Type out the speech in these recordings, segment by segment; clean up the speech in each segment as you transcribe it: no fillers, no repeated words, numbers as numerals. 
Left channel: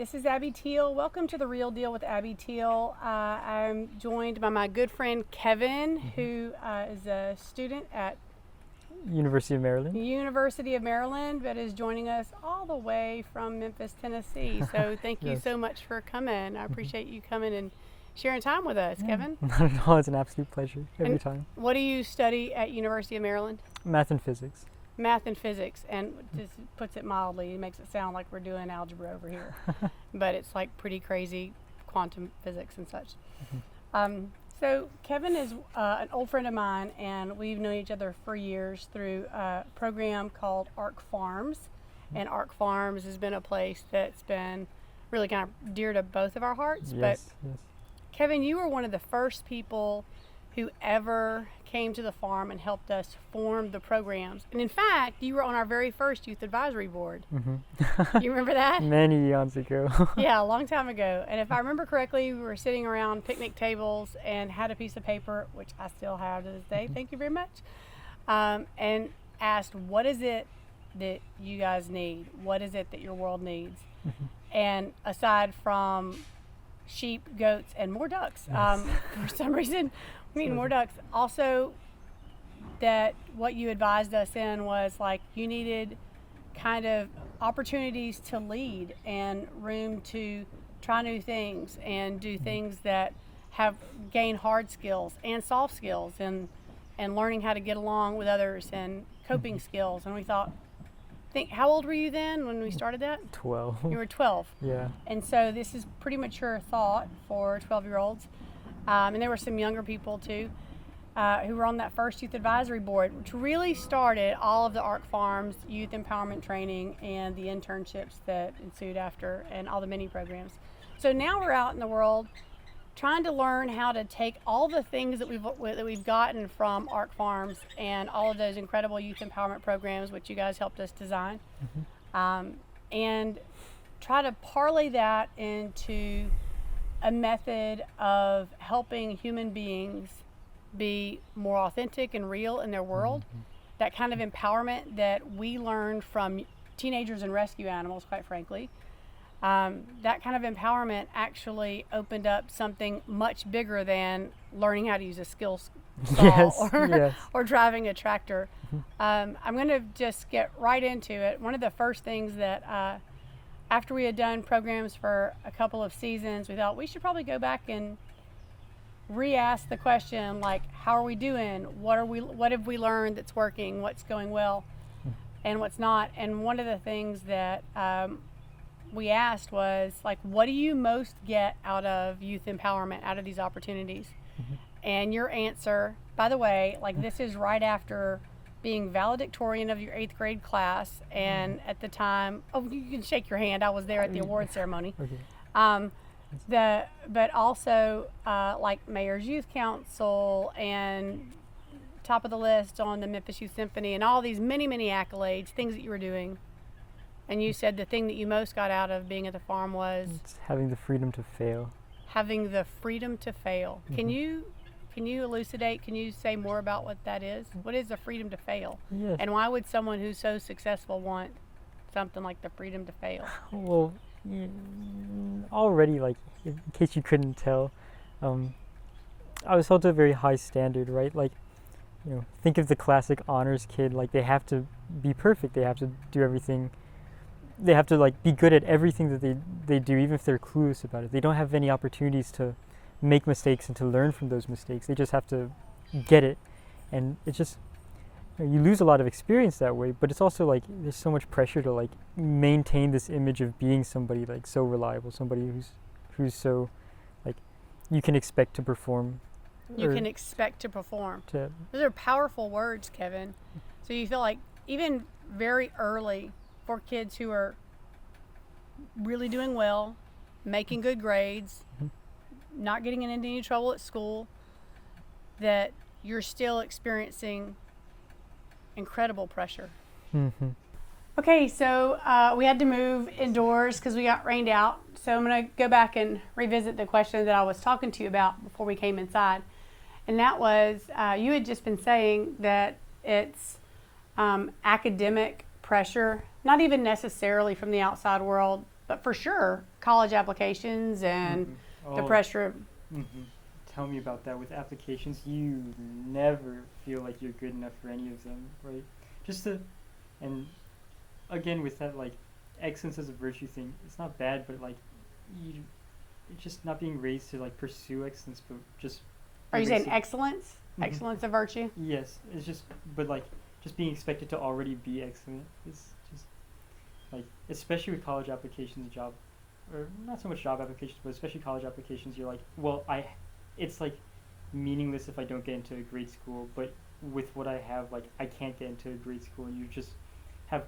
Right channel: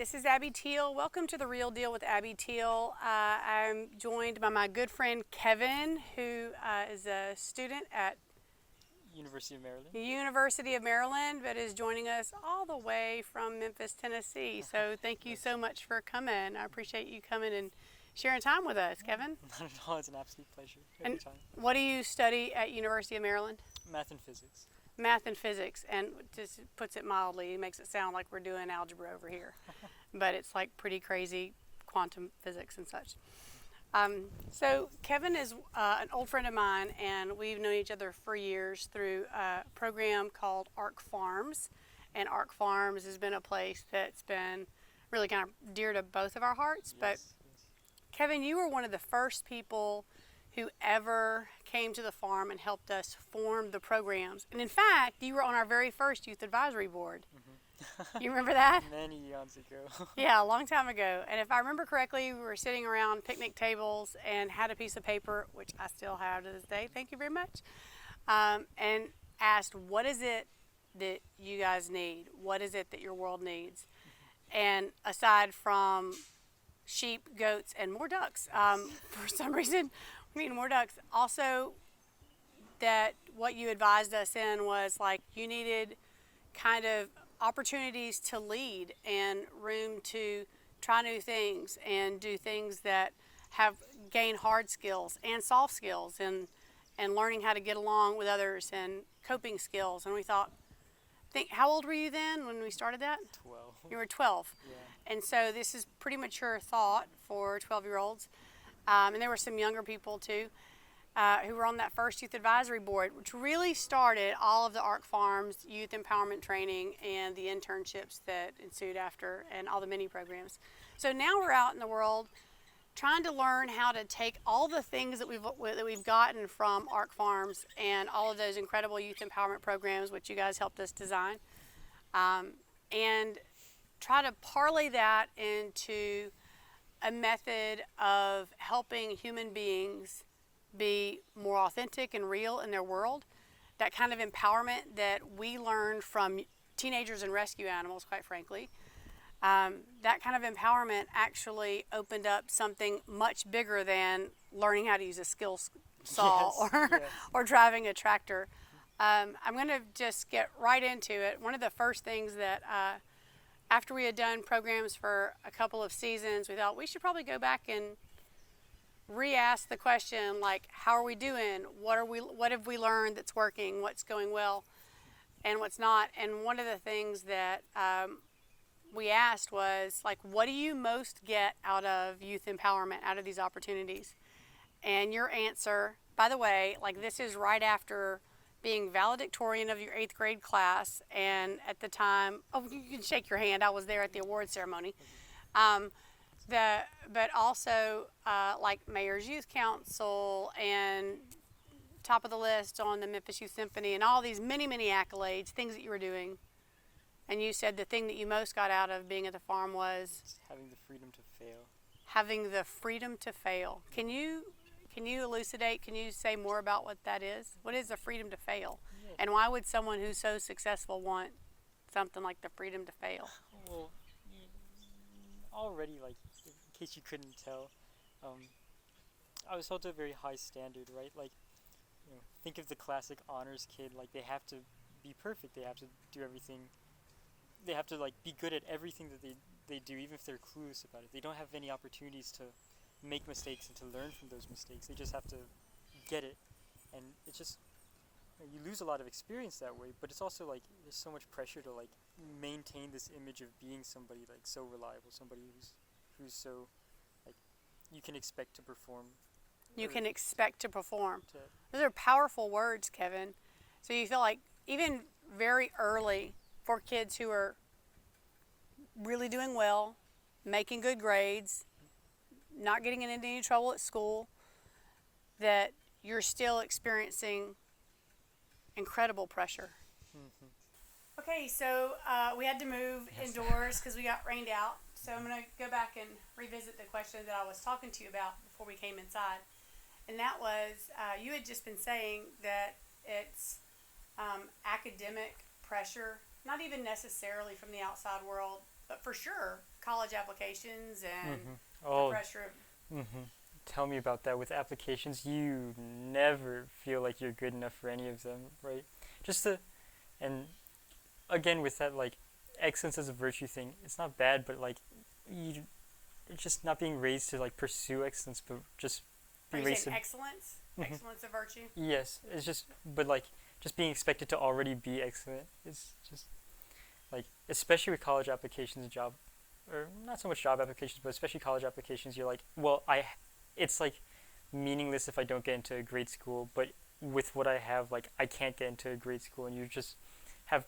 This is Abby Teal. Welcome to The Real Deal with Abby Teal. I'm joined by my good friend Kevin, who is a student at University of Maryland. University of Maryland, but is joining us all the way from Memphis, Tennessee. So thank you Yes. so much for coming. I appreciate you coming and sharing time with us, Kevin. Not at all. It's an absolute pleasure every And time. What do you study at University of Maryland? Math and physics. Math and physics, and just puts it mildly, it makes it sound like we're doing algebra over here, but it's like pretty crazy quantum physics and such. So Kevin is an old friend of mine, and we've known each other for years through a program called ARC Farms, and ARC Farms has been a place that's been really kind of dear to both of our hearts. But Yes. Kevin, you were one of the first people who ever came to the farm and helped us form the programs. And in fact, you were on our very first youth advisory board. You remember that? Many eons ago. Yeah, a long time ago. And if I remember correctly, we were sitting around picnic tables and had a piece of paper, which I still have to this day, thank you very much, and asked, what is it that you guys need? What is it that your world needs? And aside from sheep, goats, and more ducks, for some reason, we need more ducks. Also, that what you advised us in was like you needed kind of opportunities to lead and room to try new things and do things that have gain hard skills and soft skills and learning how to get along with others and coping skills. And we thought, how old were you then when we started that? 12. You were 12. Yeah. And so this is pretty mature thought for 12-year-olds. And there were some younger people too who were on that first youth advisory board, which really started all of the ARC Farms youth empowerment training and the internships that ensued after and all the mini programs. So now we're out in the world trying to learn how to take all the things that we've gotten from ARC Farms and all of those incredible youth empowerment programs, which you guys helped us design, and try to parlay that into a method of helping human beings be more authentic and real in their world. That kind of empowerment that we learned from teenagers and rescue animals, quite frankly. That kind of empowerment actually opened up something much bigger than learning how to use a skill saw or driving a tractor. I'm going to just get right into it. One of the first things that after we had done programs for a couple of seasons, we thought we should probably go back and re-ask the question, like, how are we doing? What have we learned that's working? What's going well and what's not? And one of the things that we asked was, like, what do you most get out of youth empowerment, out of these opportunities? And your answer, by the way, like, this is right after being valedictorian of your 8th grade class, and at the time, you can shake your hand, I was there at the award ceremony. But also like Mayor's Youth Council and top of the list on the Memphis Youth Symphony and all these many, many accolades, things that you were doing. And you said the thing that you most got out of being at the farm was It's having the freedom to fail. having the freedom to fail. Can you elucidate? Can you say more about what that is? What is the freedom to fail? Yes. And why would someone who's so successful want something like the freedom to fail? Well, already, like, in case you couldn't tell, I was held to a very high standard, right? Like, think of the classic honors kid. Like, they have to be perfect. They have to do everything. They have to, like, be good at everything that they do, even if they're clueless about it. They don't have any opportunities to make mistakes and to learn from those mistakes. They just have to get it. And it's just, you lose a lot of experience that way, but it's also like there's so much pressure to, like, maintain this image of being somebody, like, so reliable, somebody who's so, like, you can expect to perform. You can expect to perform. Those are powerful words, Kevin. So you feel like even very early for kids who are really doing well, making good grades, not getting into any trouble at school, that you're still experiencing incredible pressure. Okay, so we had to move indoors because we got rained out. So I'm going to go back and revisit the question that I was talking to you about before we came inside. And that was, you had just been saying that it's academic pressure, not even necessarily from the outside world, but for sure, college applications and the pressure of Tell me about that. With applications, you never feel like you're good enough for any of them, right? Just to, and again with that, like, excellence as a virtue thing, it's not bad, but like, it's just not being raised to like pursue excellence, but just. Are you saying excellence? Excellence of virtue? Yes, it's just, but like, just being expected to already be excellent is just, like, especially with college applications, or not so much job applications, but especially college applications, you're like, well, it's like meaningless if I don't get into a great school, but with what I have, like, I can't get into a great school, and you just have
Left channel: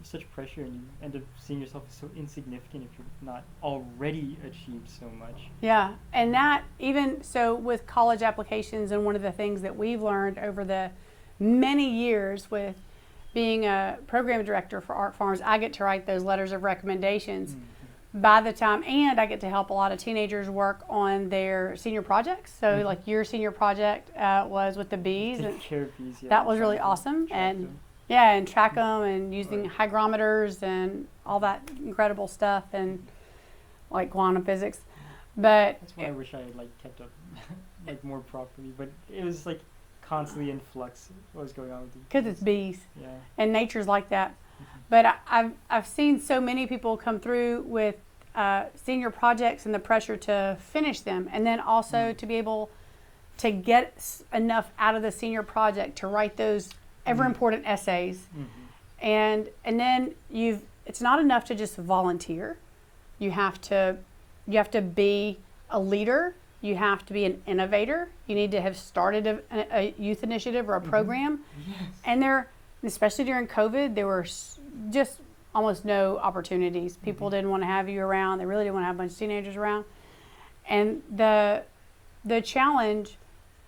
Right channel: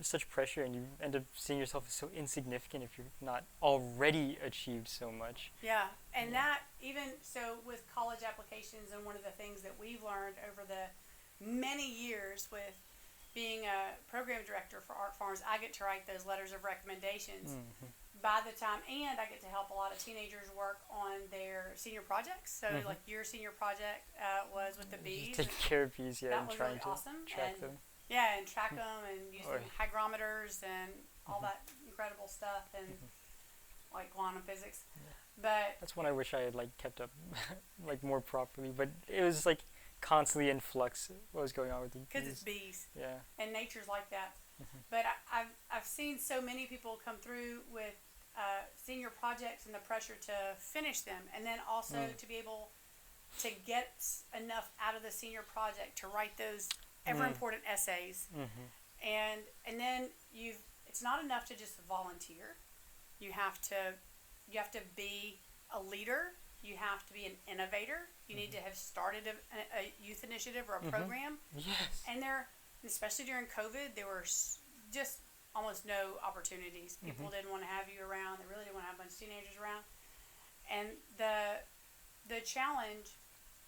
such pressure, and you end up seeing yourself as so insignificant if you're not already achieved so much. Yeah, and that, even so with college applications, and one of the things that we've learned over the many years with being a program director for Art Farms, I get to write those letters of recommendations. By the time, and I get to help a lot of teenagers work on their senior projects. So like your senior project was with the bees. Take care of bees, yeah. That was really awesome. And yeah, and track them and using hygrometers and all that incredible stuff and like quantum physics. But that's what I wish I had like kept up like more properly. But it was like constantly in flux what was going on with the bees. Because it's bees. Yeah. And nature's like that. But I've seen so many people come through with senior projects and the pressure to finish them, and then also to be able to get enough out of the senior project to write those ever important essays. And then it's not enough to just volunteer. You have to be a leader. You have to be an innovator. You need to have started a youth initiative or a program. Yes. And especially during COVID, there were just almost no opportunities. People didn't want to have you around. They really didn't want to have a bunch of teenagers around. And the challenge,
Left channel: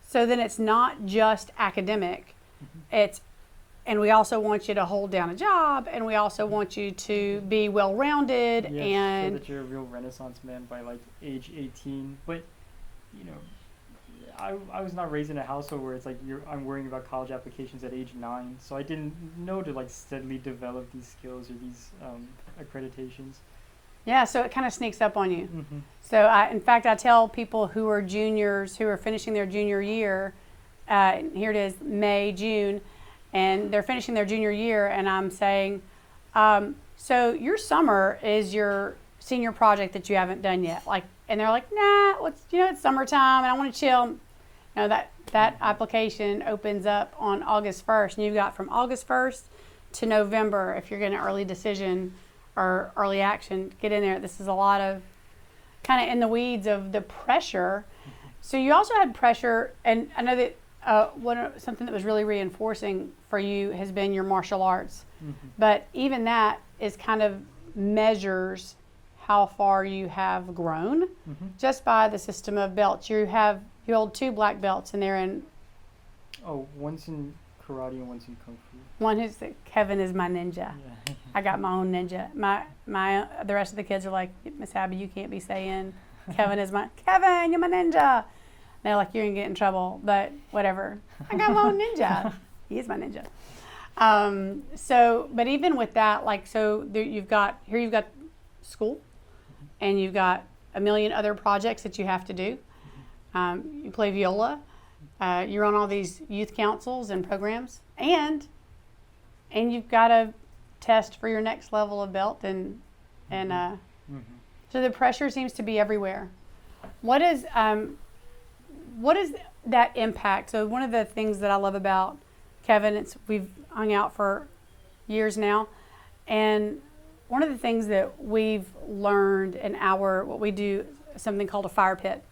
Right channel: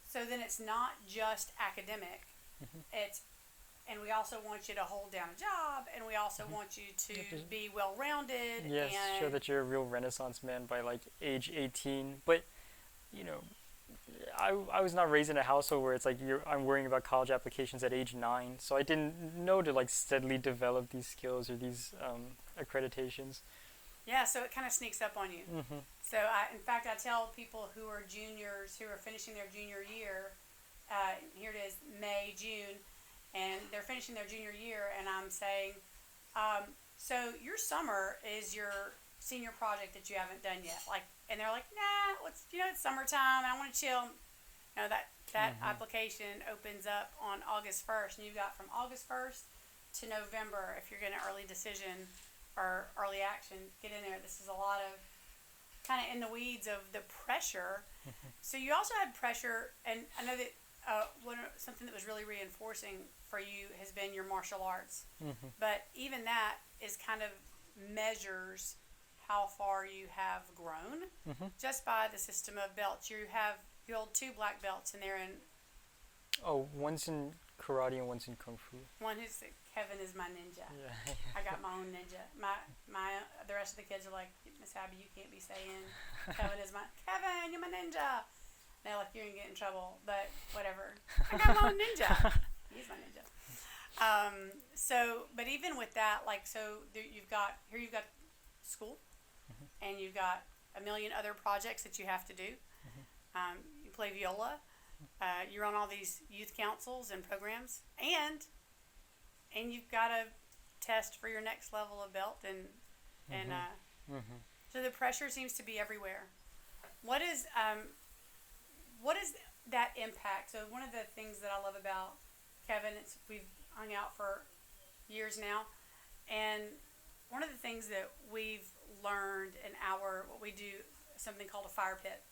so then it's not just academic. And we also want you to hold down a job, and we also want you to be well-rounded. Yes, and show that you're a real Renaissance man by like age 18. But, you know, I was not raised in a household where it's like I'm worrying about college applications at age 9, so I didn't know to like steadily develop these skills or these accreditations. Yeah, so it kind of sneaks up on you. So in fact, I tell people who are juniors, who are finishing their junior year, here it is, May, June, and they're finishing their junior year, and I'm saying, so your summer is your senior project that you haven't done yet. Like, and they're like, nah, it's summertime and I want to chill. That application opens up on August 1st, and you've got from August 1st to November, if you're getting an early decision or early action, get in there. This is a lot of kind of in the weeds of the pressure. So you also had pressure, and I know that something that was really reinforcing for you has been your martial arts. But even that is kind of measures how far you have grown just by the system of belts. You hold 2 black belts, and they're in. Oh, one's in karate and one's in kung fu. One is Kevin is my ninja. I got my own ninja. The rest of the kids are like, Miss Abby, you can't be saying Kevin, you're my ninja. And they're like, you're gonna get in trouble, but whatever. I got my own ninja. He is my ninja. But even with that, you've got school, and you've got a million other projects that you have to do. You play viola. You're on all these youth councils and programs, and you've got to test for your next level of belt, so the pressure seems to be everywhere. What is that impact? So one of the things that I love about Kevin, we've hung out for years now, and one of the things that we've learned in what we do is something called a fire pit.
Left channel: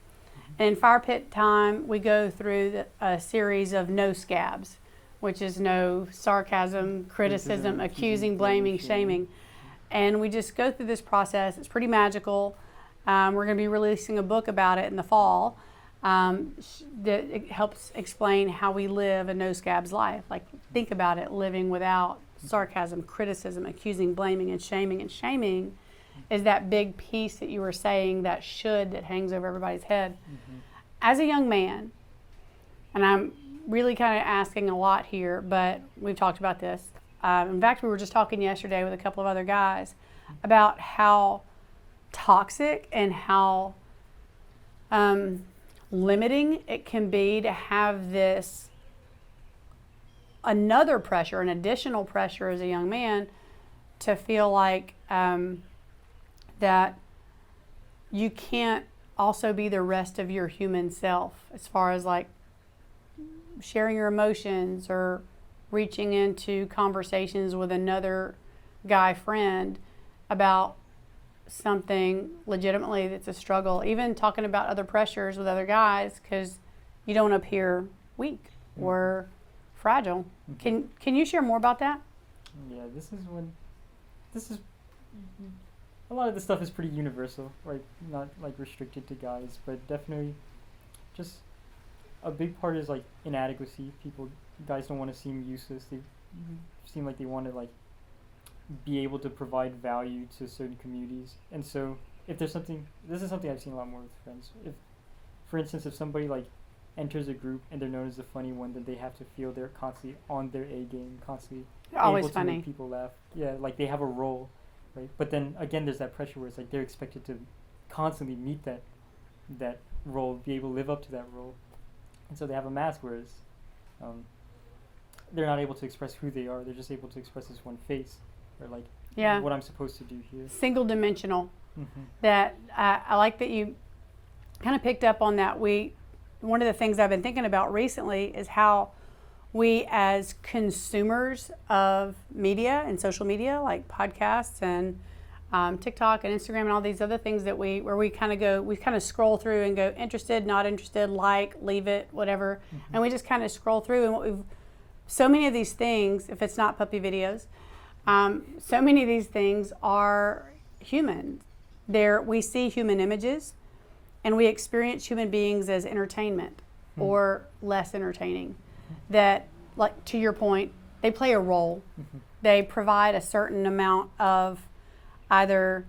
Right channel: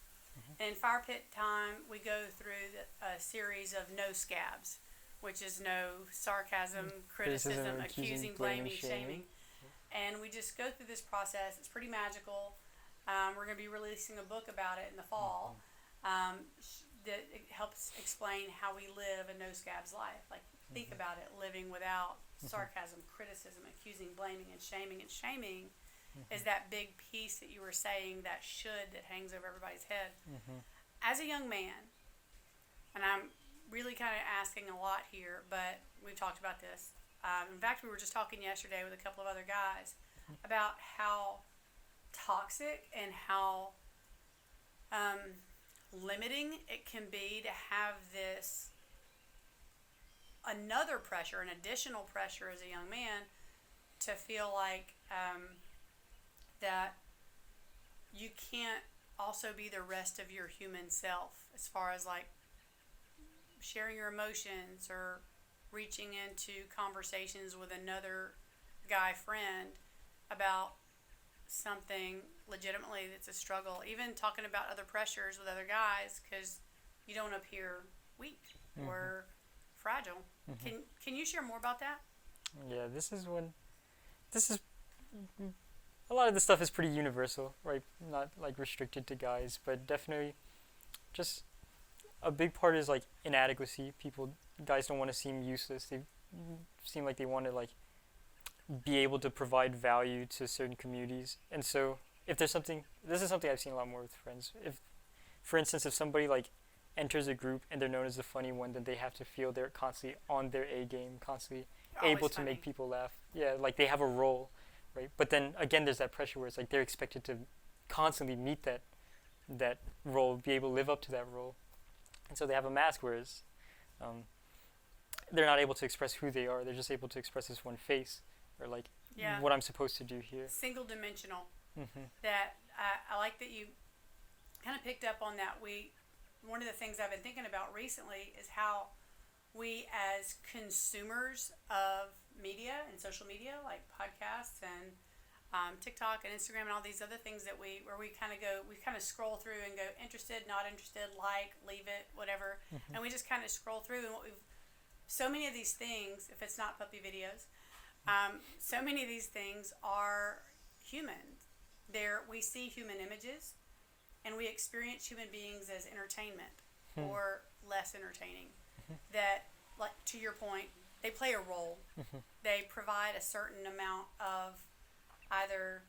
And in fire pit time, we go through a series of no scabs, which is no sarcasm, criticism, accusing, blaming, shaming. And we just go through this process. It's pretty magical. We're going to be releasing a book about it in the fall that it helps explain how we live a no scabs life. Like, think about it, living without sarcasm, criticism, accusing, blaming, and shaming. And shaming is that big piece that you were saying, that hangs over everybody's head. As a young man, and I'm really kind of asking a lot here, but we've talked about this. In fact, we were just talking yesterday with a couple of other guys. about how toxic and how limiting it can be to have this another pressure, an additional pressure as a young man to feel like that you can't also be the rest of your human self as far as like sharing your emotions or reaching into conversations with another guy friend about something legitimately that's a struggle, even talking about other pressures with other guys because you don't appear weak or fragile. Can you share more about that? Yeah, this is a lot of this stuff is pretty universal, right? Not like restricted to guys, but definitely just a big part is like inadequacy. Guys don't want to seem useless. They seem like they want to like be able to provide value to certain communities. And so if there's something, this is something I've seen a lot more with friends. If, for instance, if somebody like enters a group and they're known as the funny one, then they have to feel they're constantly on their A game, constantly Always able to funny. make people laugh. Yeah, like they have a role, right? But then again, there's that pressure where it's like they're expected to constantly meet that role, be able to live up to that role. And so they have a mask, whereas they're not able to express who they are. They're just able to express this one face, or like what I'm supposed to do here. Single dimensional. That I like that you kind of picked up on that. One of the things I've been thinking about recently is how we as consumers of media and social media, like podcasts and TikTok and Instagram and all these other things that we kind of scroll through and go interested, not interested, like, leave it, whatever. And we just kind of scroll through, and so many of these things, if it's not puppy videos, so many of these things are human. We see human images, and we experience human beings as entertainment or less entertaining. That, like to your point, they play a role. They provide a certain amount of either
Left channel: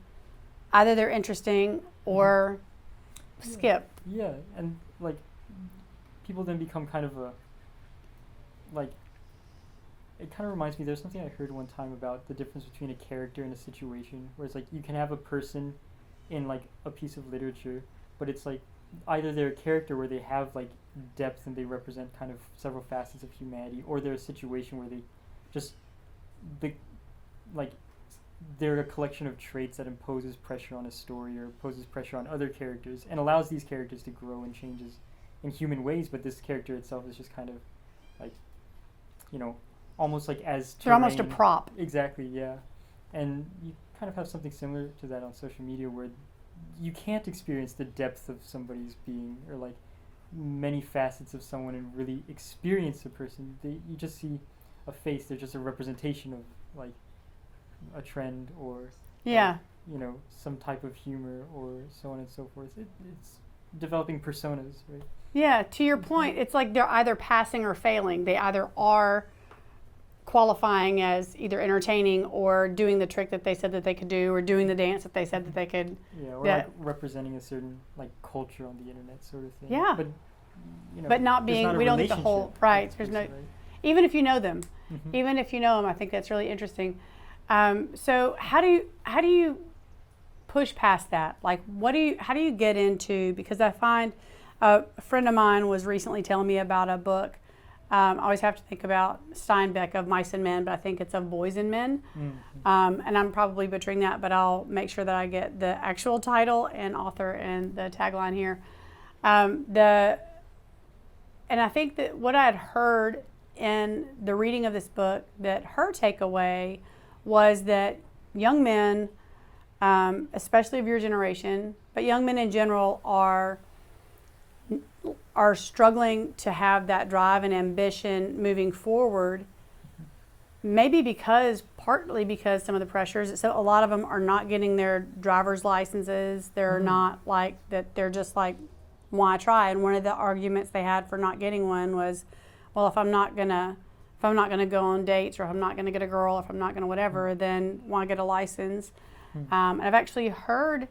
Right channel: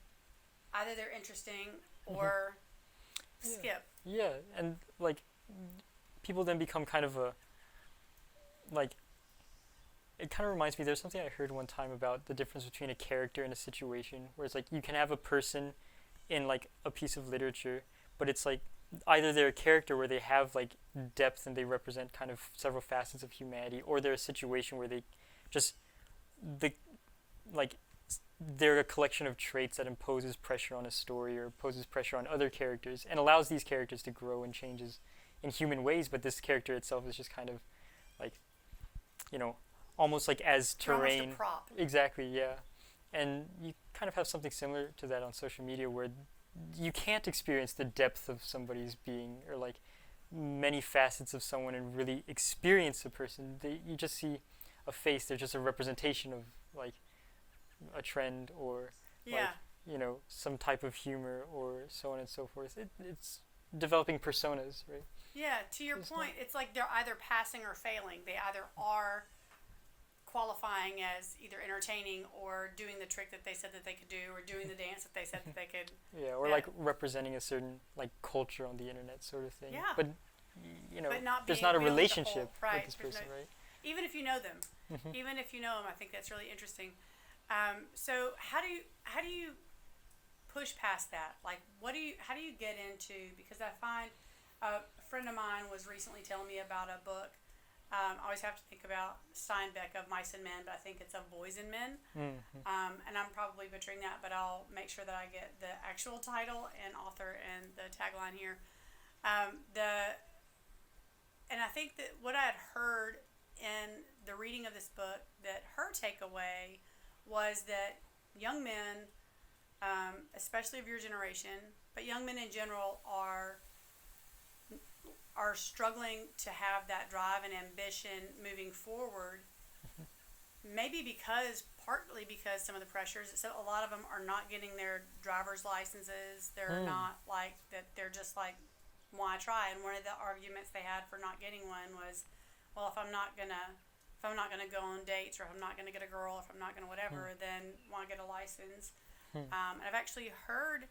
they're interesting or skip. Yeah, and like people then become kind of it kind of reminds me, there's something I heard one time about the difference between a character and a situation, where it's like you can have a person in like a piece of literature, but it's like either they're a character where they have like depth and they represent kind of several facets of humanity, or they're a situation where they just they're a collection of traits that imposes pressure on a story or imposes pressure on other characters and allows these characters to grow and changes in human ways, but this character itself is just kind of like, almost like as terrain. They're almost a prop. Exactly, yeah. And you kind of have something similar to that on social media, where you can't experience the depth of somebody's being or like many facets of someone and really experience a person. You just see a face. They're just a representation of like a trend or some type of humor or so on and so forth. It's developing personas, right? Yeah, to your point, it's like they're either passing or failing. They either are qualifying as either entertaining or doing the trick that they said that they could do, or doing the dance that they said that they could. Yeah, or like representing a certain like culture on the internet, sort of thing. Yeah, but not being. We don't get the whole right. There's no. Even if you know them, I think that's really interesting. So how do you push past that? Like, how do you get into? Because I find a friend of mine was recently telling me about a book. I always have to think about Steinbeck of Mice and Men, but I think it's of Boys and Men. And I'm probably butchering that, but I'll make sure that I get the actual title and author and the tagline here. And I think that what I had heard in the reading of this book, that her takeaway was that young men, especially of your generation, but young men in general, are struggling to have that drive and ambition moving forward. Maybe partly because some of the pressures. So a lot of them are not getting their driver's licenses. They're not like that. They're just like, why try? And one of the arguments they had for not getting one was, well, if I'm not gonna go on dates, or if I'm not gonna get a girl, if I'm not gonna whatever, then why get a license? And I've actually heard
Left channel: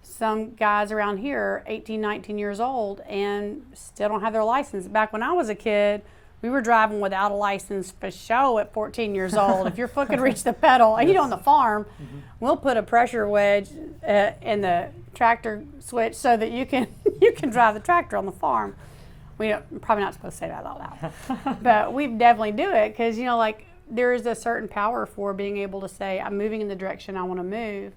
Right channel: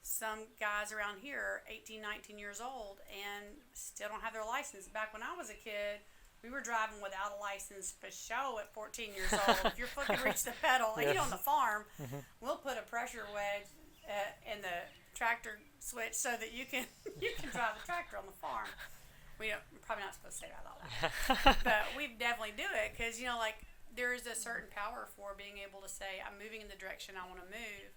some guys around here, 18, 19 years old, and still don't have their license. Back when I was a kid, We were driving without a license for show at 14 years old. If your foot could reach the pedal, and on the farm, we'll put a pressure wedge in the tractor switch so that you can drive the tractor on the farm. We don't, probably not supposed to say that out loud, but we definitely do it because like there is a certain power for being able to say I'm moving in the direction I want to move.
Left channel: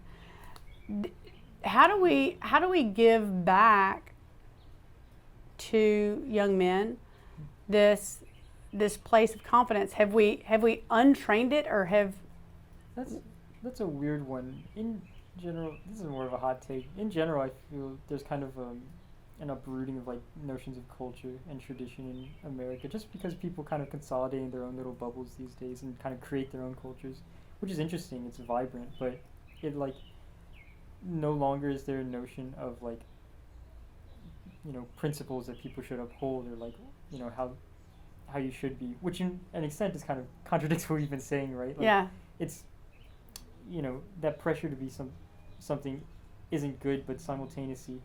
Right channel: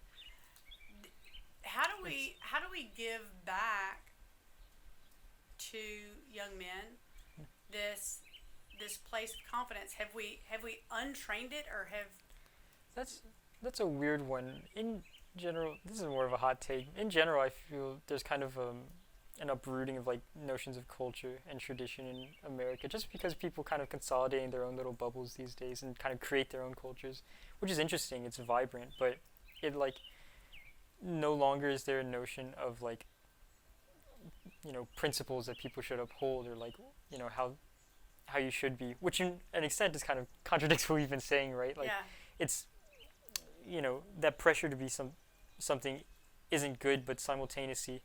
How do we give back to young men this place of confidence? Have we untrained it, or have? That's a weird one. In general, this is more of a hot take. In general, I feel there's kind of an uprooting of like notions of culture and tradition in America, just because people kind of consolidate in their own little bubbles these days and kind of create their own cultures, which is interesting. It's vibrant, but it like no longer is there a notion of like principles that people should uphold, or like how you should be, which in an extent is kind of contradicts what we've been saying, right? Like, yeah. It's that pressure to be something isn't good, but simultaneously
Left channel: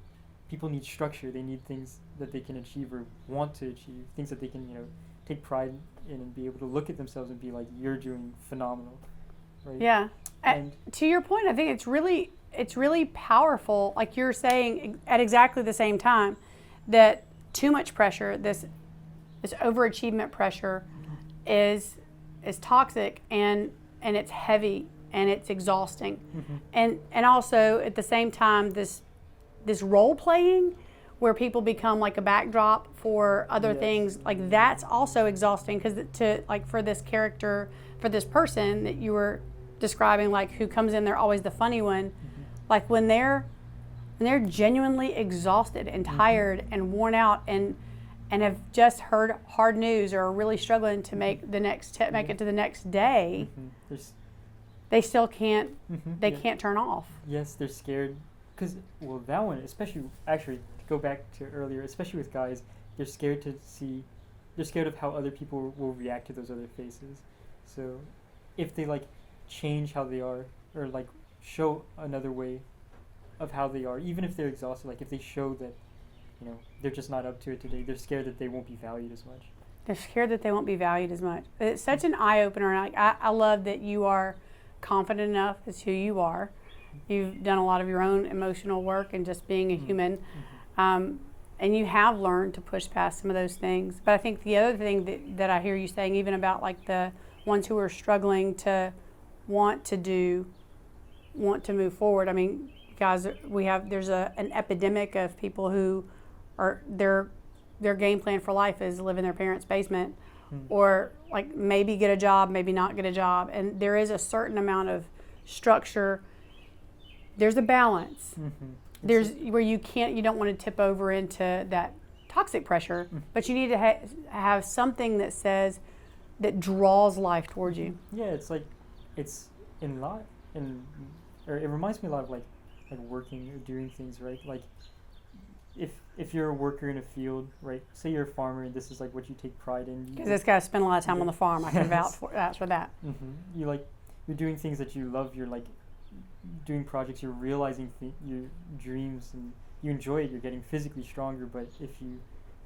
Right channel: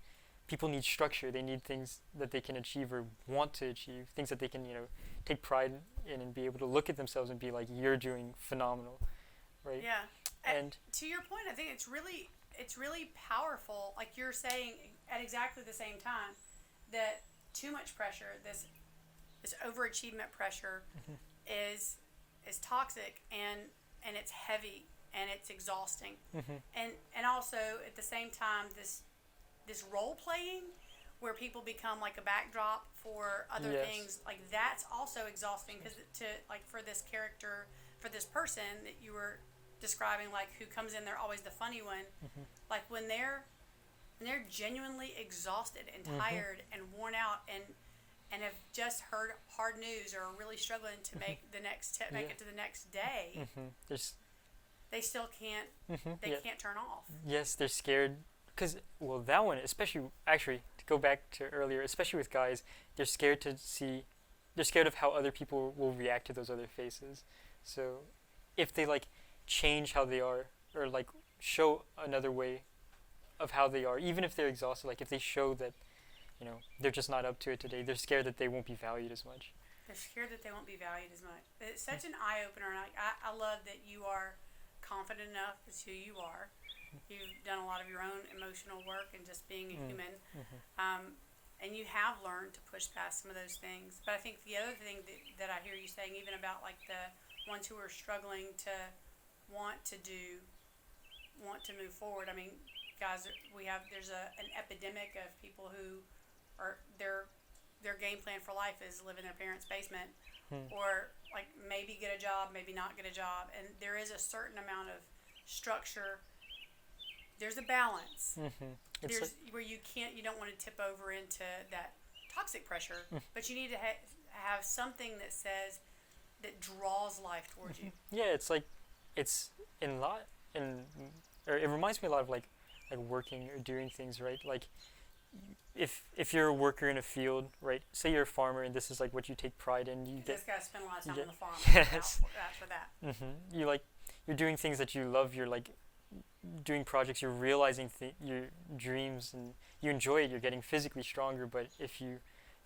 people need structure. They need things that they can achieve or want to achieve, things that they can take pride in and be able to look at themselves and be like, you're doing phenomenal, right? Yeah. And to your point, I think it's really powerful, like you're saying at exactly the same time, that too much pressure, this overachievement pressure, is toxic and it's heavy and it's exhausting, and also at the same time this role playing where people become like a backdrop for other things, like that's also exhausting, because for this character, for this person that you were describing, like who comes in, they're always the funny one, like when they're genuinely exhausted and tired and worn out and have just heard hard news or are really struggling to make make it to the next day, they still can't can't turn off. Yes, they're scared because that one especially, actually to go back to earlier, especially with guys, they're scared of how other people will react to those other faces. So if they like change how they are, or like show another way of how they are, even if they're exhausted, like if they show that they're just not up to it today, they're scared that they won't be valued as much. They're scared that they won't be valued as much. It's such an eye-opener, and I love that you are confident enough as who you are. You've done a lot of your own emotional work and just being a human, and you have learned to push past some of those things. But I think the other thing that I hear you saying, even about like the ones who are struggling to want to move forward. I mean, guys, there's an epidemic of people who are their game plan for life is live in their parents' basement, or like maybe get a job, maybe not get a job, and there is a certain amount of structure. There's a balance. There's where you don't want to tip over into that toxic pressure, but you need to have something that draws life towards you. Yeah, it's like it reminds me a lot of like working or doing things, right? Like if you're a worker in a field, right? Say you're a farmer and this is like what you take pride in. Because this guy spent a lot of time on the farm. I can vouch for that. You're doing things that you love. You're like doing projects. You're realizing your dreams, and you enjoy it. You're getting physically stronger. But if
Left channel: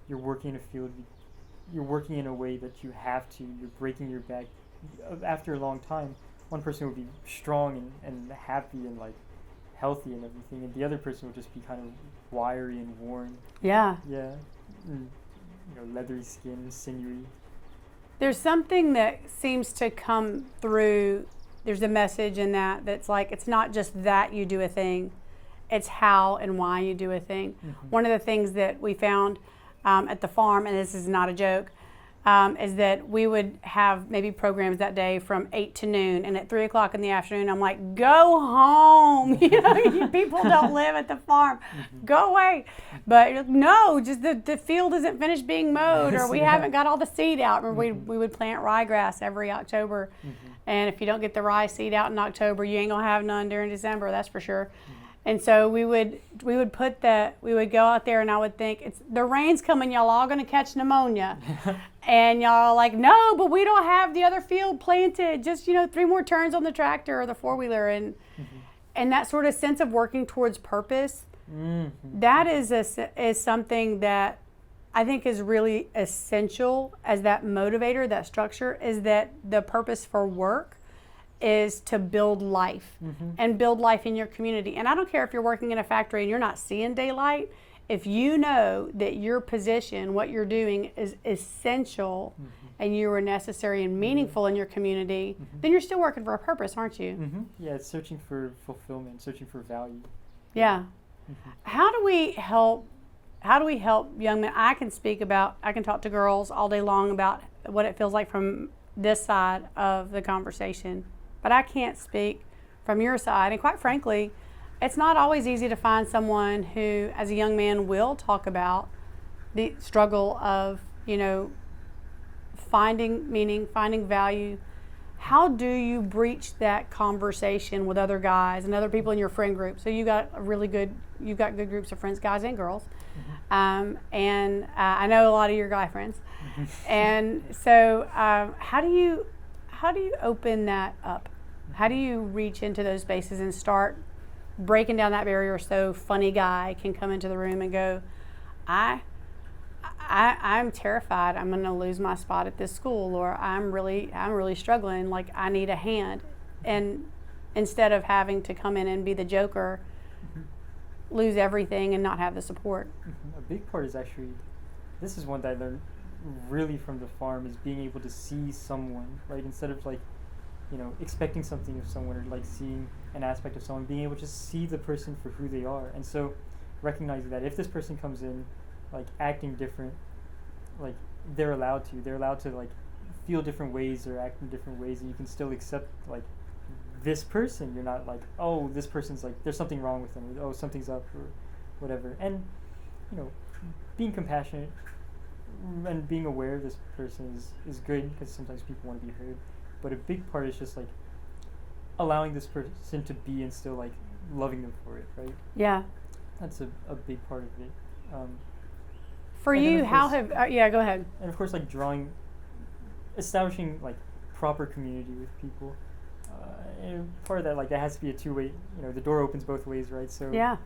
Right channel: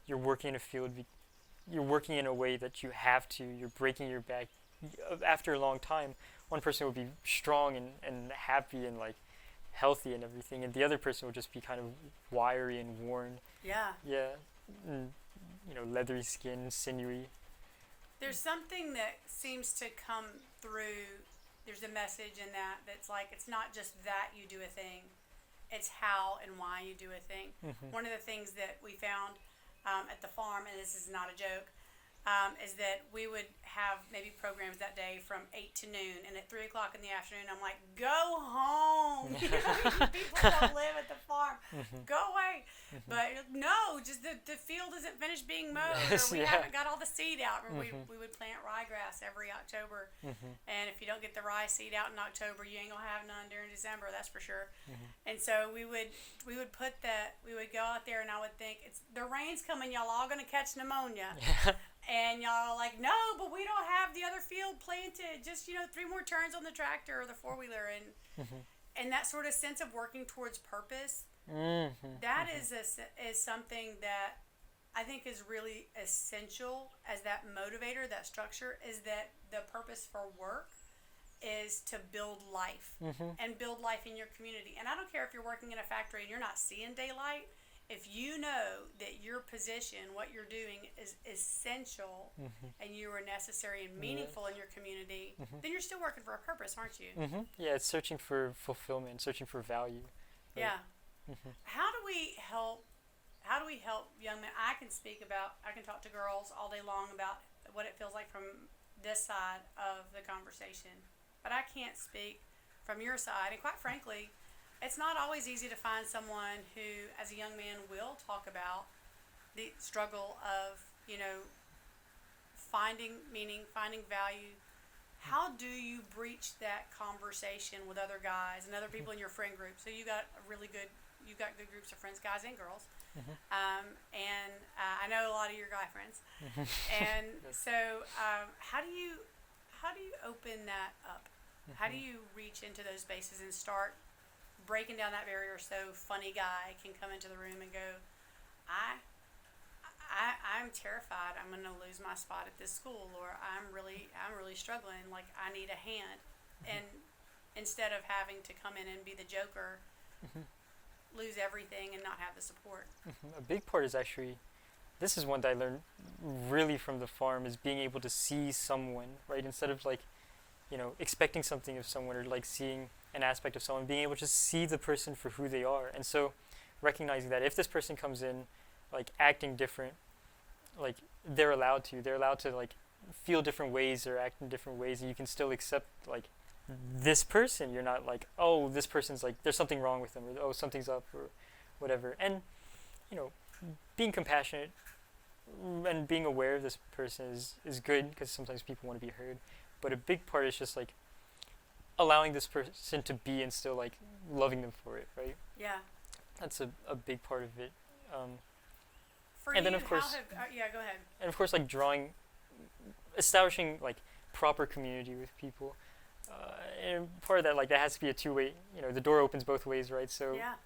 you're working in a field, you're working in a way that you have to. You're breaking your back. After a long time, one person will be strong and happy and like healthy and everything, and the other person will just be kind of wiry and worn. Yeah. Yeah. And, leathery skin, sinewy. There's something that seems to come through. There's a message in that's like, it's not just that you do a thing, it's how and why you do a thing. One of the things that we found at the farm, and this is not a joke, is that we would have maybe programs that day from 8 to noon, and at 3 o'clock in the afternoon, I'm like, go home. People don't live at the farm. Go away. But no, just the field isn't finished being mowed, or we haven't got all the seed out. Remember, we would plant ryegrass every October, and if you don't get the rye seed out in October, you ain't gonna have none during December, that's for sure. And so we would go out there, and I would think, the rain's coming, y'all all gonna catch pneumonia. And y'all are like, no, but we don't have the other field planted. Just 3 more turns on the tractor or the 4-wheeler, and that sort of sense of working towards purpose. That is something that I think is really essential as that motivator, that structure, is that the purpose for work is to build life and build life in your community. And I don't care if you're working in a factory and you're not seeing daylight, if you know that your position, what you're doing is essential and you are necessary and meaningful in your community, then you're still working for a purpose, aren't you? Yeah, it's searching for fulfillment, searching for value. Yeah. How do we help young men? I can talk to girls all day long about what it feels like from this side of the conversation, but I can't speak from your side. And quite frankly, it's not always easy to find someone who, as a young man, will talk about the struggle of, finding meaning, finding value. How do you breach that conversation with other guys and other people in your friend group? So you've got good groups of friends, guys and girls. And I know a lot of your guy friends. And so how do you open that up? How do you reach into those spaces and start breaking down that barrier so funny guy can come into the room and go, I'm terrified I'm going to lose my spot at this school, or I'm really struggling, like I need a hand. And instead of having to come in and be the joker, lose everything and not have the support. A big part is actually, this is one that I learned really from the farm, is being able to see someone, right? Instead of expecting something of someone, or like seeing an aspect of someone, being able to see the person for who they are. And so recognizing that if this person comes in like acting different, like they're allowed to like feel different ways or act in different ways, and you can still accept like this person. You're not like, oh, this person's like, there's something wrong with them, or oh, something's up, or whatever. And being compassionate and being aware of this person is good, because sometimes people want to be heard. But a big part is just like allowing this person to be and still like loving them for it, right? Yeah. That's a big part of it. For you, how have go ahead. And of course, like establishing like proper community with people. And part of that, like, that has to be a two-way. The door opens both ways, right? So yeah.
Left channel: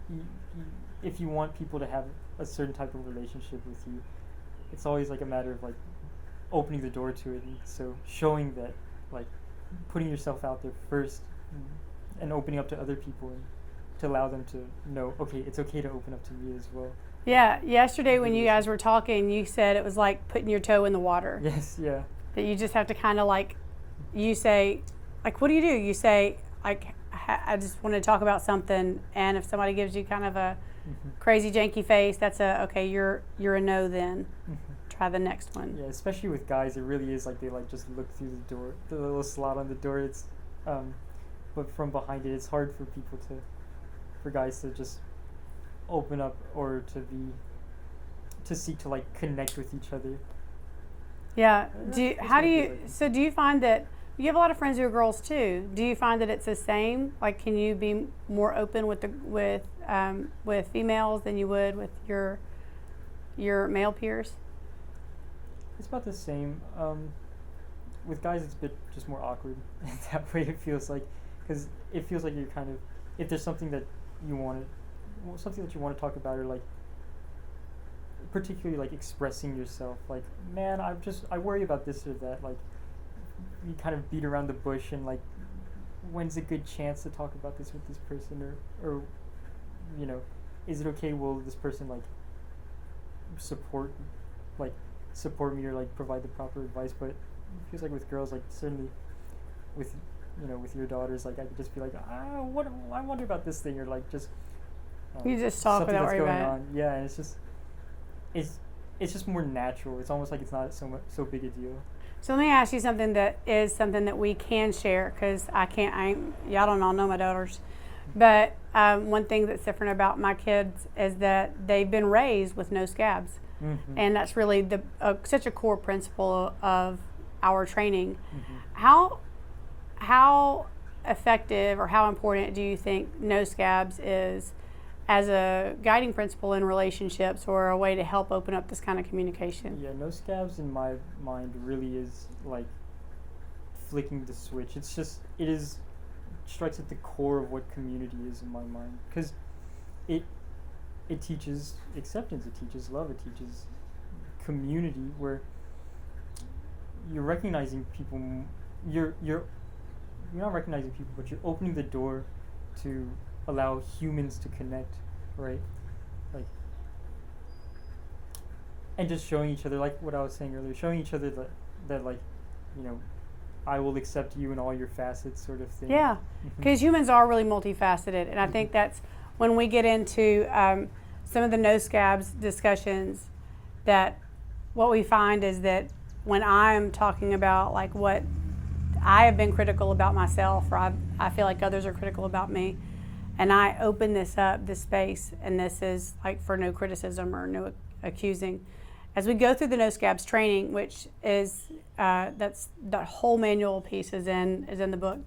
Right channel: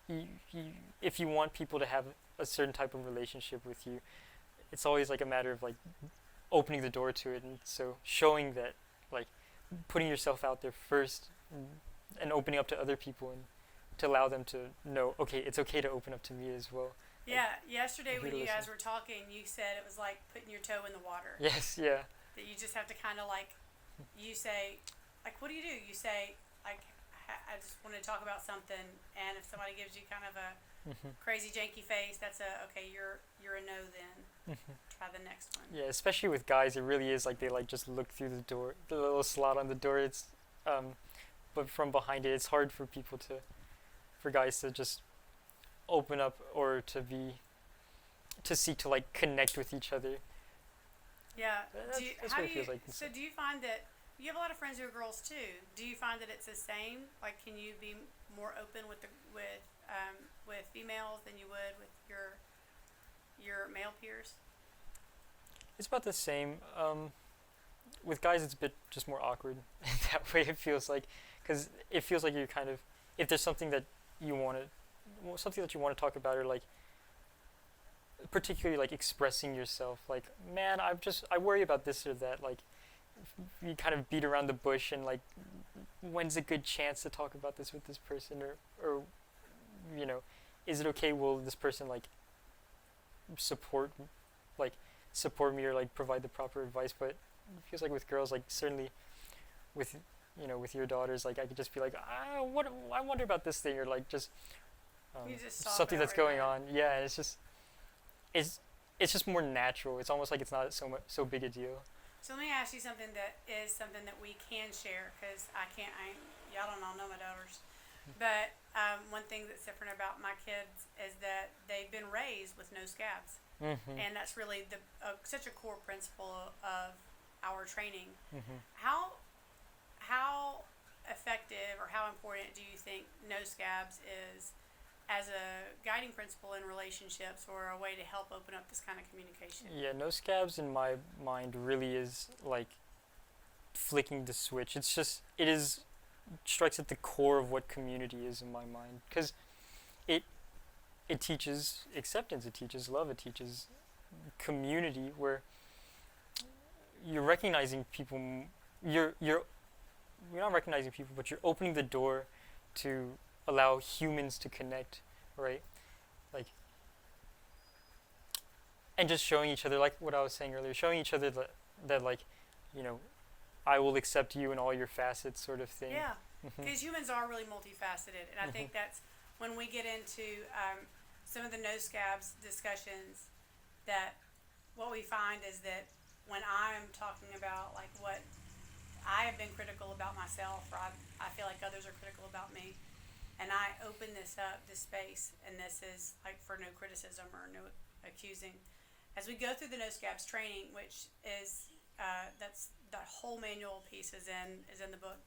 If you want people to have a certain type of relationship with you, it's always like a matter of like opening the door to it, and so showing that, like, putting yourself out there first, and opening up to other people, and to allow them to know, okay, it's okay to open up to me as well. Yeah, yesterday when you guys were talking, you said it was like putting your toe in the water. Yes, yeah. That you just have to kind of like, you say, like, what do? You say, like, I just want to talk about something, and if somebody gives you kind of a crazy janky face, that's okay, you're a no then. Try the next one. Yeah, especially with guys, it really is like they like just look through the door, the little slot on the door. It's, but from behind it, it's hard for guys to just open up, or to seek to like connect with each other. Yeah. Do you find that you have a lot of friends who are girls too? Do you find that it's the same? Like, can you be more open with females than you would with your male peers? It's about the same. With guys, it's a bit just more awkward in that way. It feels like, because it feels like you're kind of, if there's something that you want to talk about, or like particularly like expressing yourself, like, man, I worry about this or that, like you kind of beat around the bush, and like, when's a good chance to talk about this with this person, or is it okay, will this person like support me, or like provide the proper advice? But it feels like with girls, like certainly with your daughters, like I could just be like, I wonder about this thing, or like just you just talk something that's going on. Yeah, and it's just more natural. It's almost like it's not so big a deal. So let me ask you something that we can share, because y'all don't all know my daughters, but one thing that's different about my kids is that they've been raised with no scabs. And that's really such a core principle of our training. How effective or how important do you think no scabs is as a guiding principle in relationships, or a way to help open up this kind of communication? Yeah, no scabs in my mind really is like flicking the switch. It strikes at the core of what community is in my mind, because it teaches acceptance, it teaches love, it teaches community where you're recognizing people. You're not recognizing people, but you're opening the door to allow humans to connect, right? Like, and just showing each other, like what I was saying earlier, showing each other that like, you know, I will accept you in all your facets, sort of thing. Yeah, because humans are really multifaceted, and I think that's when we get into some of the no scabs discussions, that what we find is that when I'm talking about like what I have been critical about myself, or I feel like others are critical about me, and I open this up, this space, and this is like for no criticism or no accusing. As we go through the no scabs training, which is that's the whole manual piece is in the book.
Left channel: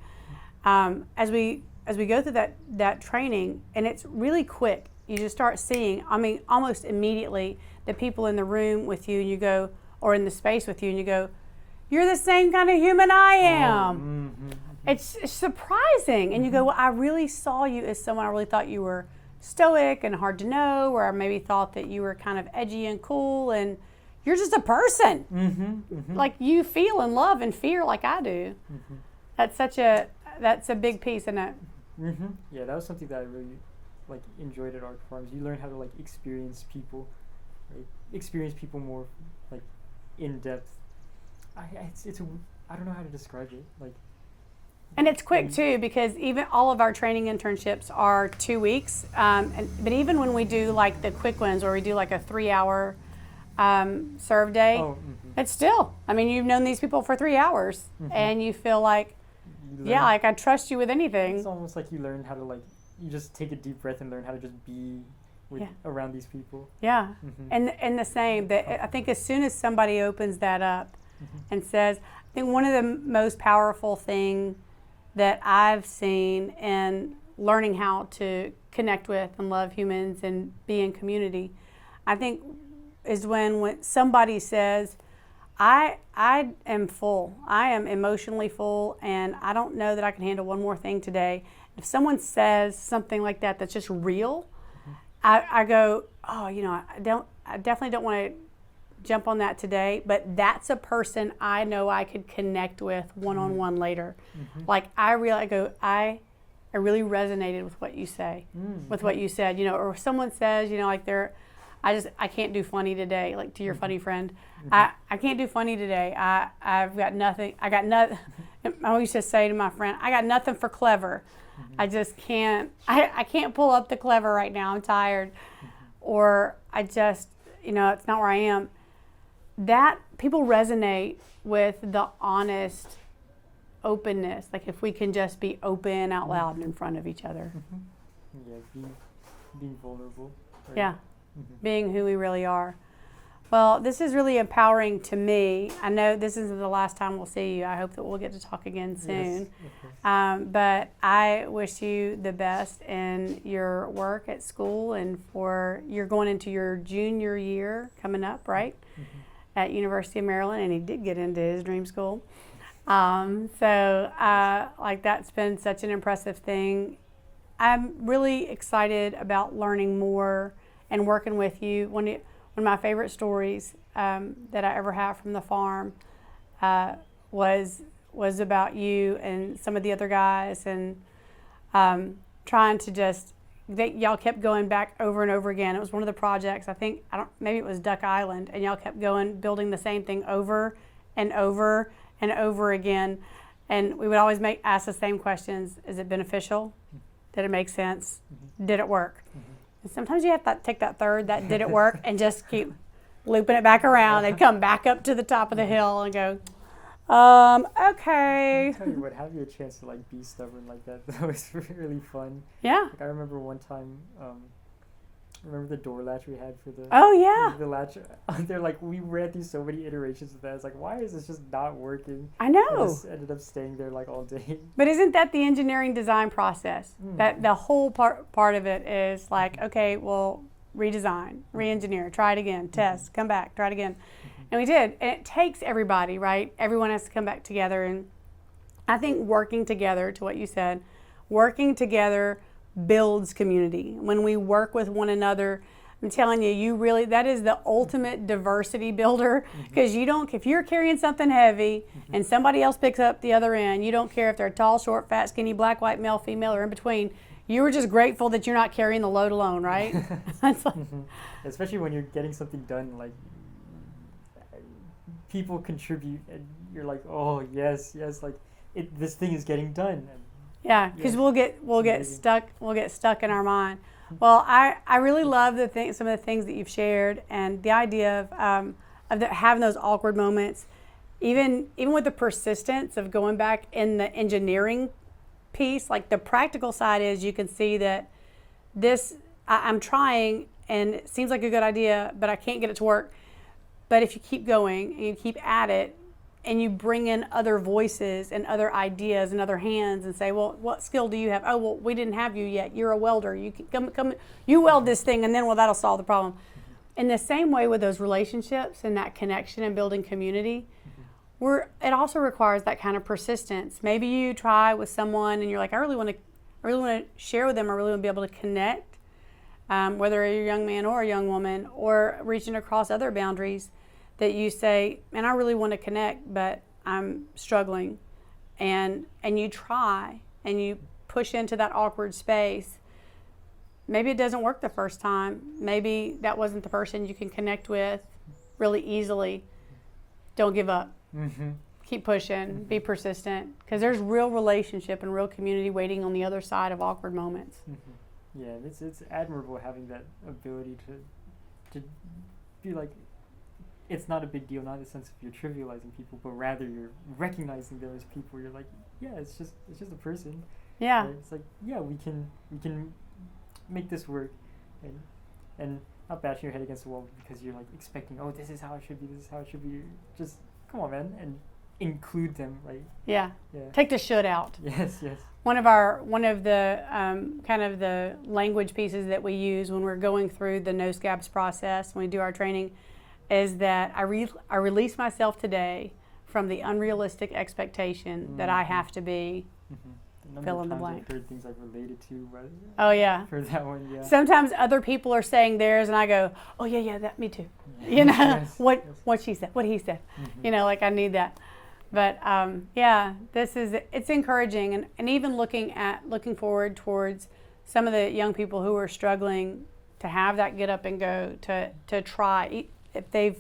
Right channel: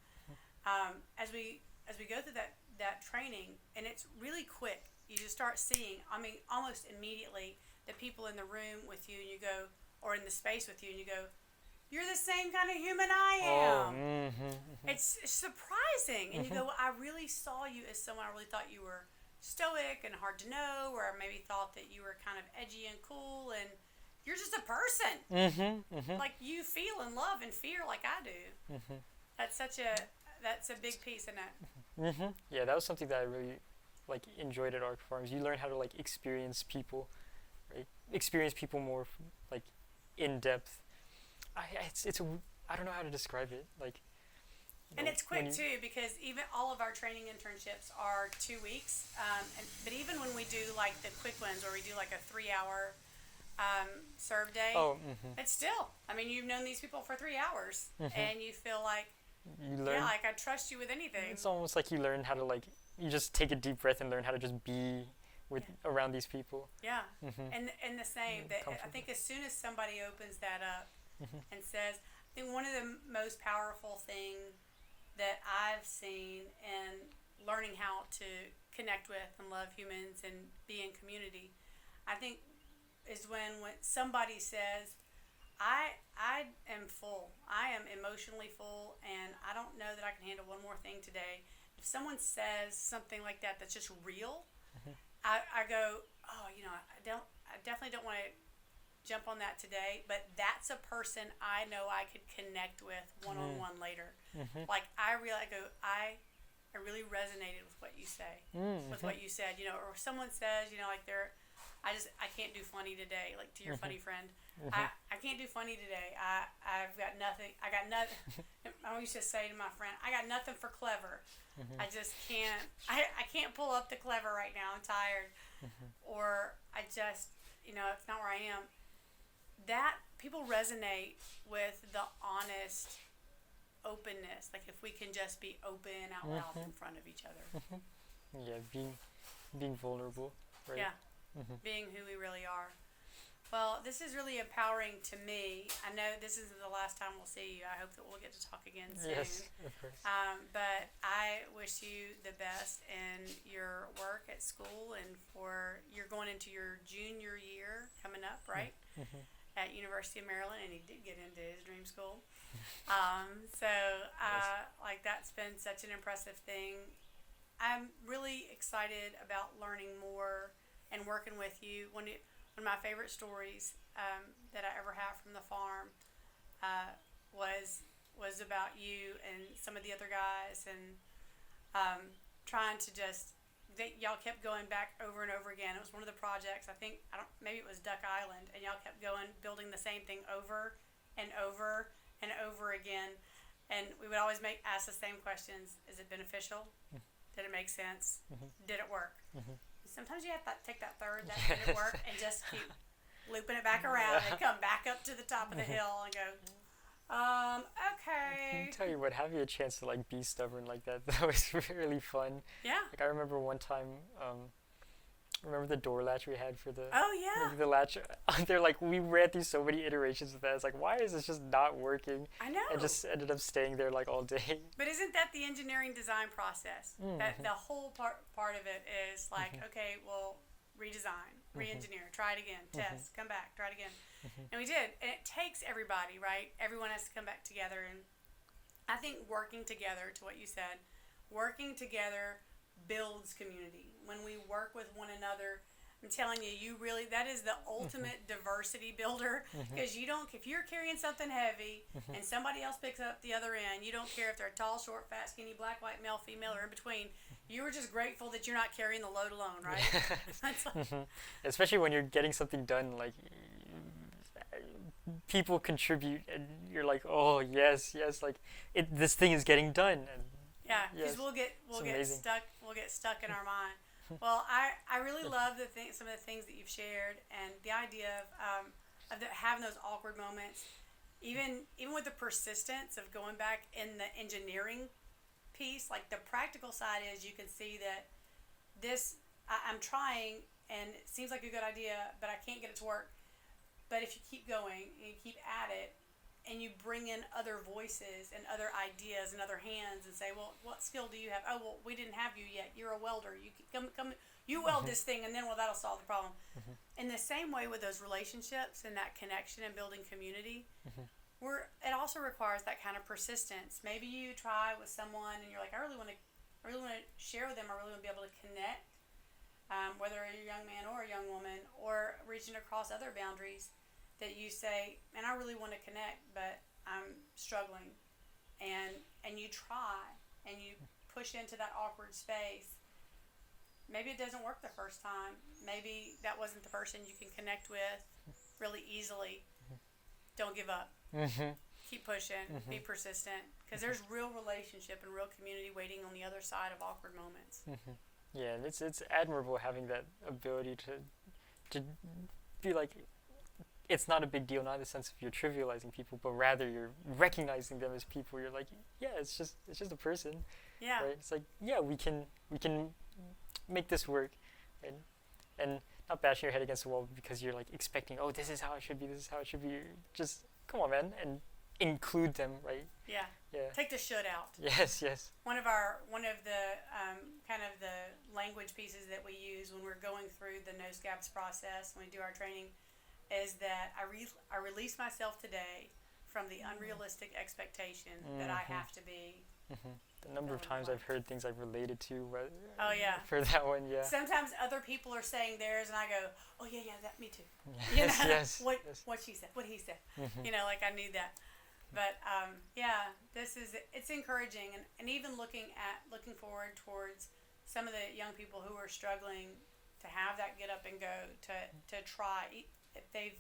As we go through that training, and it's really quick, you just start seeing. I mean, almost immediately, the people in the room with you, and you go, or in the space with you, and you go, "You're the same kind of human I am." It's surprising, and you go, "Well, I really saw you as someone. I really thought you were stoic and hard to know, or I maybe thought that you were kind of edgy and cool, and you're just a person. Like you feel and love and fear like I do." That's a big piece in it. Yeah, that was something that I really like enjoyed at Arc Farms. You learn how to like experience people, right? Experience people more like in depth. I don't know how to describe it. Like, and it's quick too, because even all of our training internships are 2 weeks. But even when we do like the quick ones, where we do like a 3-hour serve day, it's still. I mean, you've known these people for 3 hours, and you feel like, yeah, like I trust you with anything. It's almost like you learn how to like, you just take a deep breath and learn how to just be with around these people. Yeah, and the same. That I think as soon as somebody opens that up and says, I think one of the most powerful thing that I've seen in learning how to connect with and love humans and be in community, I think, is when somebody says, I am full. I am emotionally full, and I don't know that I can handle one more thing today. If someone says something like that that's just real, I go, oh, you know, I definitely don't want to jump on that today, but that's a person I know I could connect with one-on-one later. Like I really really resonated with what you say, with what you said, you know, or someone says, you know, like I can't do funny today, like to your funny friend. I can't do funny today. I've got nothing. I always just say to my friend, I got nothing for clever. I just can't. I can't pull up the clever right now. I'm tired, or I just, you know, it's not where I am. That people resonate with the honest openness. Like if we can just be open out loud in front of each other. Yeah, being vulnerable. Right? Yeah. Being who we really are. Well, this is really empowering to me. I know this isn't the last time we'll see you. I hope that we'll get to talk again soon. Yes, of course. But I wish you the best in your work at school, and you're going into your junior year coming up, right? At University of Maryland, and he did get into his dream school. Like that's been such an impressive thing. I'm really excited about learning more and working with you. One of my favorite stories that I ever have from the farm was about you and some of the other guys, and trying to just, y'all kept going back over and over again. It was one of the projects, maybe it was Duck Island, and y'all kept building the same thing over and over and over again. And we would always ask the same questions. Is it beneficial? Did it make sense? Did it work? And sometimes you have to take that third, that did it work, and just keep looping it back around and come back up to the top of the hill and go, okay. I'll tell you what, having a chance to like be stubborn like that was really fun. Yeah. Like I remember one time, remember the door latch we had for the the latch? They're like, we ran through so many iterations of that. It's like, why is this just not working? I know. I just ended up staying there like all day. But isn't that the engineering design process? That the whole part of it is like, okay, well, redesign, re-engineer, try it again, test, come back, try it again. And we did. And it takes everybody, right? Everyone has to come back together. And I think working together, to what you said, working together builds community. When we work with one another, I'm telling you, that is the ultimate diversity builder, because if you're carrying something heavy and somebody else picks up the other end, you don't care if they're tall, short, fat, skinny, black, white, male, female, or in between. You were just grateful that you're not carrying the load alone, right? That's like, Especially when you're getting something done, like people contribute, and you're like, oh yes, like this thing is getting done. And yeah, because yes, we'll get stuck in our mind. Well, I really love some of the things that you've shared, and the idea of having those awkward moments, even with the persistence of going back in the engineering piece. Like the practical side is, you can see that I'm trying and it seems like a good idea, but I can't get it to work. But if you keep going and you keep at it, and you bring in other voices and other ideas and other hands and say, well, what skill do you have? Oh, well, we didn't have you yet. You're a welder. You can come, you weld this thing, and then, well, that'll solve the problem. In the same way with those relationships and that connection and building community, it also requires that kind of persistence. Maybe you try with someone and you're like, I really want to share with them. I really want to be able to connect, whether you're a young man or a young woman, or reaching across other boundaries, that you say, man, I really want to connect, but I'm struggling. And you try and you push into that awkward space. Maybe it doesn't work the first time. Maybe that wasn't the person you can connect with really easily. Don't give up. Keep pushing. Be persistent. Because there's real relationship and real community waiting on the other side of awkward moments. Yeah, it's admirable having that ability to be like, it's not a big deal, not in the sense of you're trivializing people, but rather you're recognizing them as people. You're like, yeah, it's just a person. Yeah. Right? It's like, yeah, we can make this work, and not bashing your head against the wall because you're like expecting, oh, this is how it should be. Just come on, man, and include them, right? Yeah. Yeah. Take the should out. Yes. One of the kind of the language pieces that we use when we're going through the no scabs process when we do our training is that I release myself today from the unrealistic expectation that I have to be. The number of times I've heard things I've related to. Oh yeah. For that one, yeah. Sometimes other people are saying theirs, and I go, "Oh yeah, that me too." You know what she said, what he said. You know, like I need that. But yeah, it's encouraging, and even looking forward towards some of the young people who are struggling to have that get up and go, to try, if they've,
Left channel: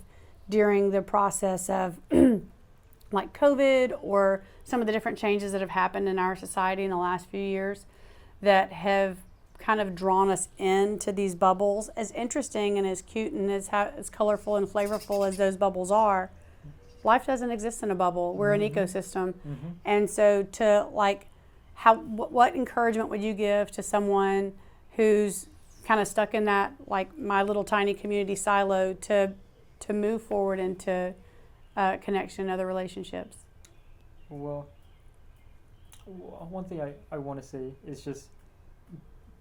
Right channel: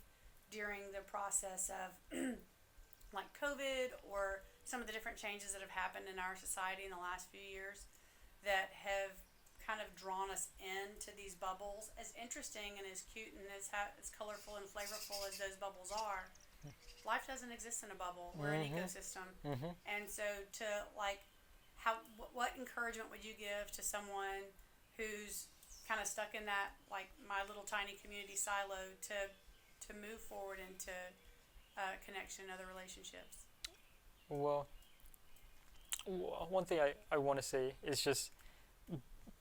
during the process of like COVID or some of the different changes that have happened in our society in the last few years that have kind of drawn us into these bubbles, as interesting and as cute and as colorful and flavorful as those bubbles are. Life doesn't exist in a bubble. We're an ecosystem. And so what encouragement would you give to someone who's kind of stuck in that, like my little tiny community silo, to move forward into connection and other relationships? Well, one thing I want to say is just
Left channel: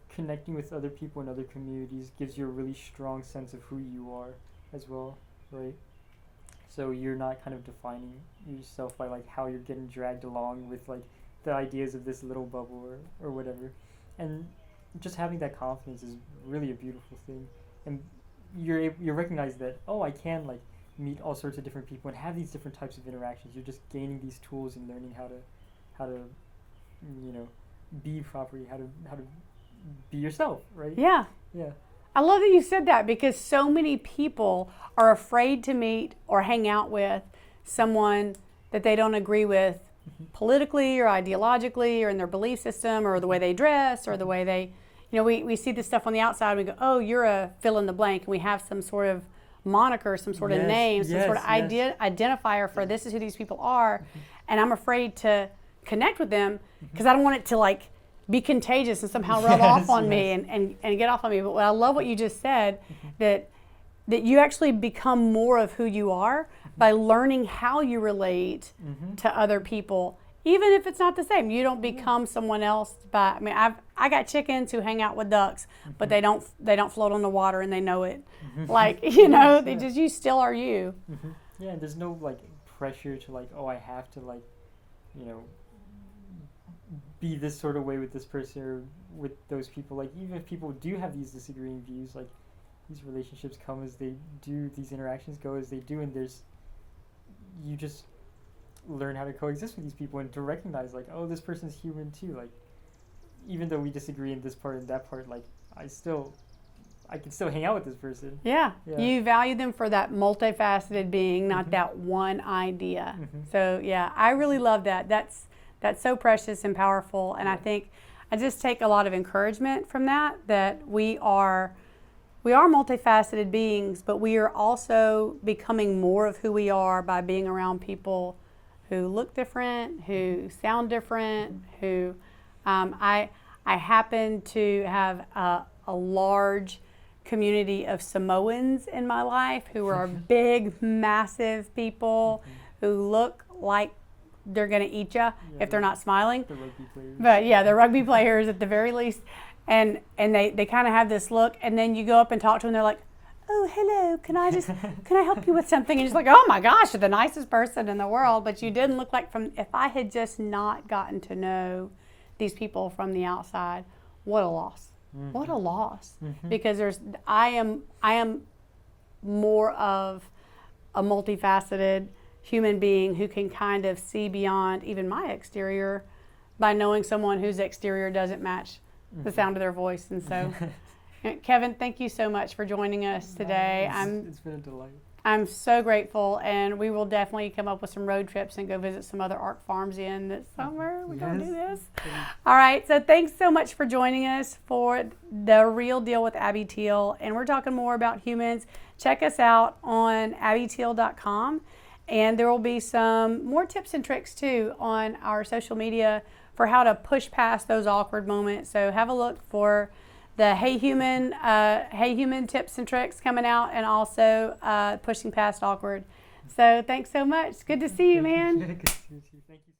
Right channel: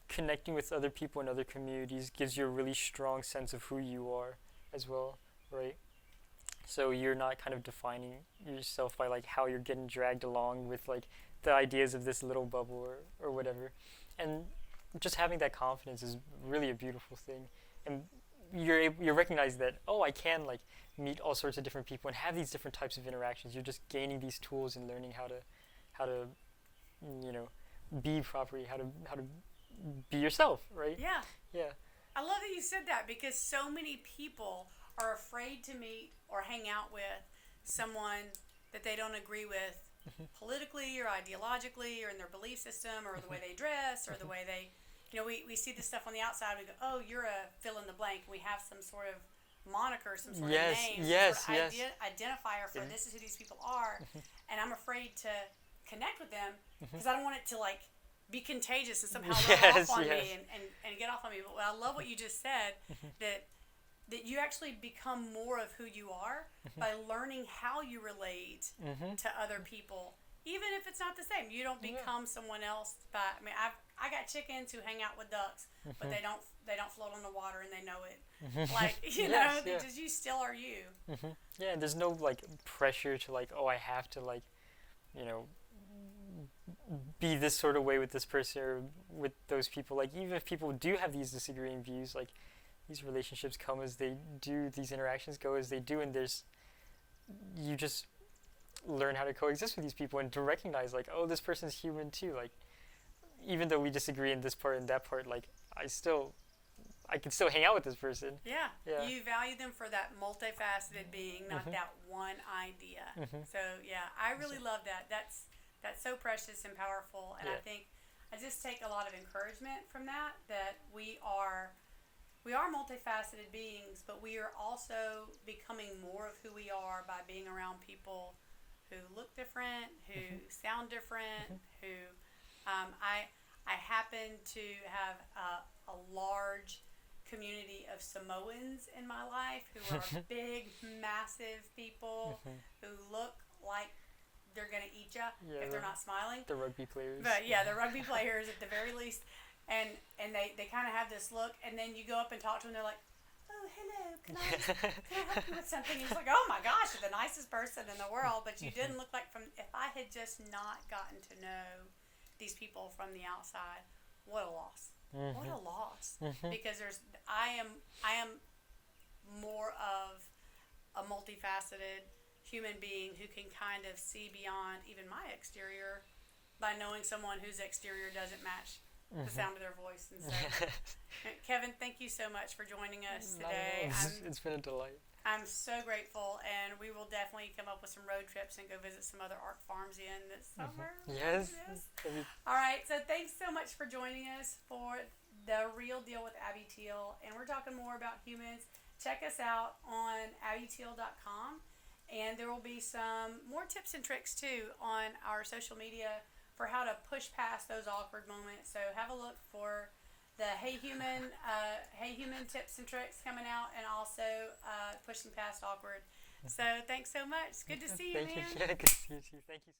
connecting with other people in other communities gives you a really strong sense of who you are as well, right? So you're not kind of defining yourself by like how you're getting dragged along with like the ideas of this little bubble or whatever. And just having that confidence is really a beautiful thing. And you recognize that, oh, I can like meet all sorts of different people and have these different types of interactions. You're just gaining these tools and learning how to be properly, how to be yourself, right? Yeah. I love that you said that, because so many people are afraid to meet or hang out with someone that they don't agree with politically or ideologically or in their belief system or the way they dress or the way they, we see this stuff on the outside and we go, oh, you're a fill in the blank, and we have some sort of moniker, some sort of name, some sort of identifier for this is who these people are, and I'm afraid to connect with them because I don't want it to like be contagious and somehow rub off on me and get off on me. But I love what you just said, that you actually become more of who you are by learning how you relate to other people, even if it's not the same. You don't become someone else I got chickens who hang out with ducks, but they don't float on the water, and they know it. Like, you still are you. Yeah, there's no like pressure to like, oh, I have to like, be this sort of way with this person or with those people. Like, even if people do have these disagreeing views, like these relationships come as they do, these interactions go as they do, and you just learn how to coexist with these people and to recognize, like, oh, this person's human too. Like, even though we disagree in this part and that part, like, I can still hang out with this person. Yeah. You value them for that multifaceted being, not that one idea. So yeah, I really love that. That's so precious and powerful, and I think I just take a lot of encouragement from that we are multifaceted beings, but we are also becoming more of who we are by being around people who look different, who sound different, who I happen to have a large community of Samoans in my life who are big, massive people who look like they're going to eat you if they're not smiling. The rugby players. But yeah, the rugby players at the very least. And they kind of have this look, and then you go up and talk to them, they're like, oh, hello, can I help you with something? And it's like, oh my gosh, you're the nicest person in the world. But you didn't look like if I had just not gotten to know these people from the outside, what a loss. What a loss. Because I am more of a multifaceted human being who can kind of see beyond even my exterior by knowing someone whose exterior doesn't match the sound of their voice. And so Kevin, thank you so much for joining us today. It's been a delight. I'm so grateful, and we will definitely come up with some road trips and go visit some other ARC farms in this summer. We're going to do this. All right, so thanks so much for joining us for The Real Deal with Abby Teal, and we're talking more about humans. Check us out on abbyteal.com, and there will be some more tips and tricks too on our social media for how to push past those awkward moments. So have a look for the Hey Human tips and tricks coming out, and also pushing past awkward. So thanks so much. Good to see you, man. Good to see you too. Thank you.